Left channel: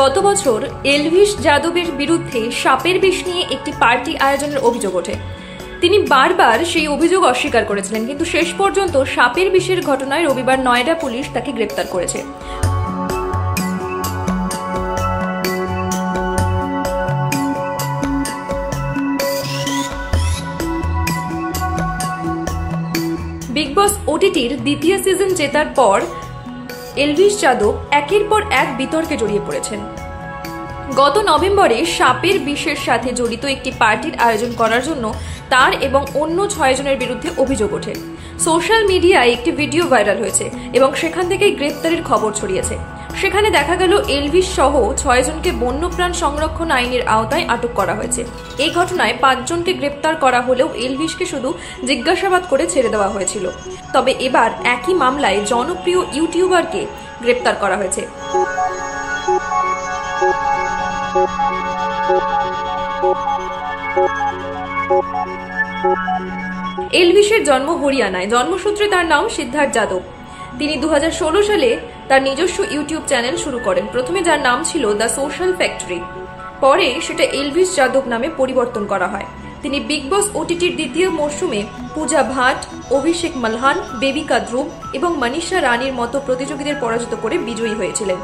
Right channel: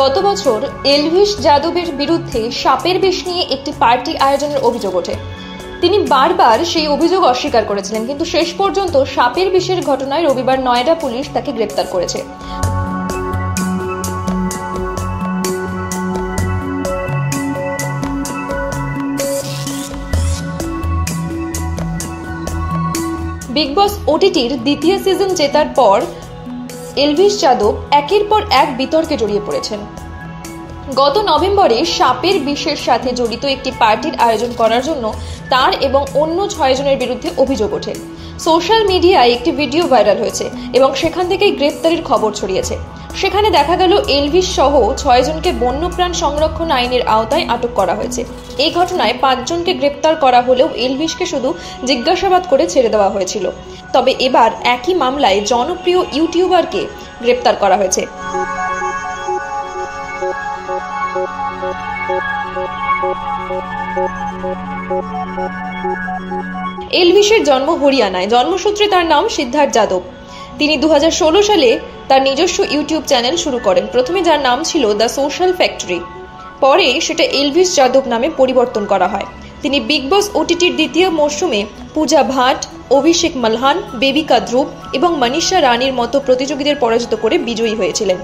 গত বছর এলভিস যাদবের বিরুদ্ধে সাপের বিষ নিয়ে একটি পার্টি আয়োজনের অভিযোগ ওঠে। তিনি বারবার সেই অভিযোগ অস্বীকার করেছিলেন, কিন্তু শেষ পর্যন্ত সাপের বিষের ঘটনায় রবিবার নয়ডা পুলিশ তাকে গ্রেপ্তার করেছে। বিগ বস ওটিটির দ্বিতীয় সিজন জেতার পর এলভিস যাদব একের পর এক বিতর্কে জড়িয়ে পড়েছেন। গত নভেম্বরে সাপের বিষের সাথে জড়িত একটি পার্টির আয়োজন করার জন্য তার এবং অন্য 6 জনের বিরুদ্ধে অভিযোগ ওঠে। সোশ্যাল মিডিয়ায় একটি ভিডিও ভাইরাল হয়েছে এবং সেখান থেকেই গ্রেপ্তারের খবর ছড়িয়েছে। সেখানে দেখা গেল এলভিস সহ 6 জনকে বন্যপ্রাণ সংরক্ষণ আইনের আওতায় আটক করা হয়েছে। এই ঘটনায় 5 জনকে গ্রেপ্তার করা হলেও এলভিসকে শুধু জিজ্ঞাসাবাদ করে ছেড়ে দেওয়া হয়েছিল। তবে এবার একই মামলায় জনপ্রিয় ইউটিউবারকে গ্রেপ্তার করা হয়েছে। এলভিসের জন্ম হরিয়ানায়। জন্মসূত্রে তার নাম সিদ্ধার্থ যাদব। তিনি 2016 সালে তার নিজস্ব ইউটিউব চ্যানেল শুরু করেন, প্রথমে যার নাম ছিল দ্য সোশ্যাল ফ্যাক্টরি। পরে সেটা এলভিস যাদব নামে পরিবর্তন করা হয়। তিনি বিগ বস ওটিটির দ্বিতীয় মরশুমে পূজা ভাট, অভিষেক মালহান, বেবিকা ধ্রুব এবং মনীষা রানীর মতো প্রতিযোগীদের পরাজিত করে বিজয়ী হয়েছিলেন।